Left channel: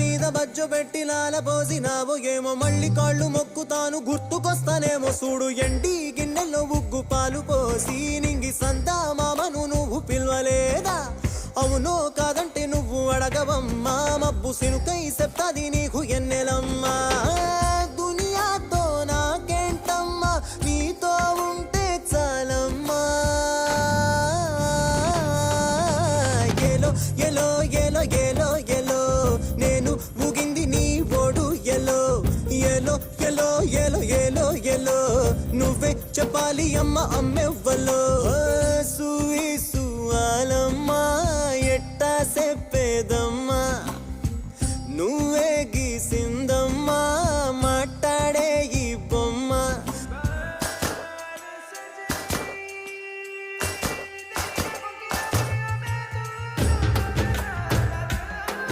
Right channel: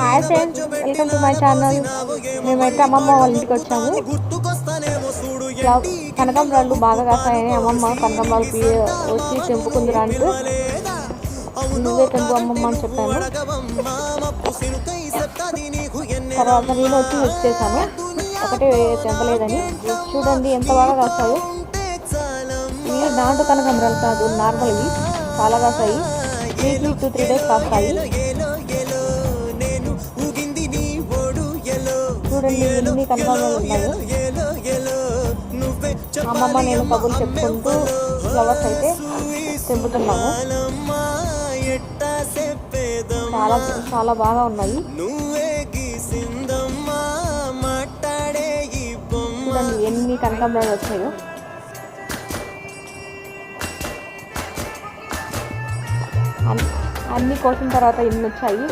Hi friends, welcome to my channel. మేమైతే అమ్మమ్మ వాళ్ళ ఇంటికి వచ్చాము. కనకాంబరాలు బాగా కాస్తాయని అమ్మమ్మ కనకాంబరాలు వచ్చి తెంపుకుందిరా అంటే నువ్వే తెంపు అమ్మమ్మ అని చెప్పాను. తర్వాత నేను వచ్చి మిక్స్ చేశాను. ఒకటే తెంపలేదని చూడండి ఎంత బాగా కాస్తాయో. దాంట్లో కనకాంబరాలు కాదు, నార్మల్ ఇవి చాలా కాస్తాయి. 2-3 days కాస్తాయి. చూడండి ఎన్ని కనకాంబరాలు ఉన్నాయి. అమ్మమ్మ నేను కబుర్లు చెప్పుకుంటూ ఫ్లవర్స్ అయితే తెంపుతున్నాము. చాలా బాగా ఉన్నాయి. ఎన్ని కనకాంబరాలు వచ్చాయో. అన్ని కోసిన తర్వాత ఎన్ని వచ్చాయి.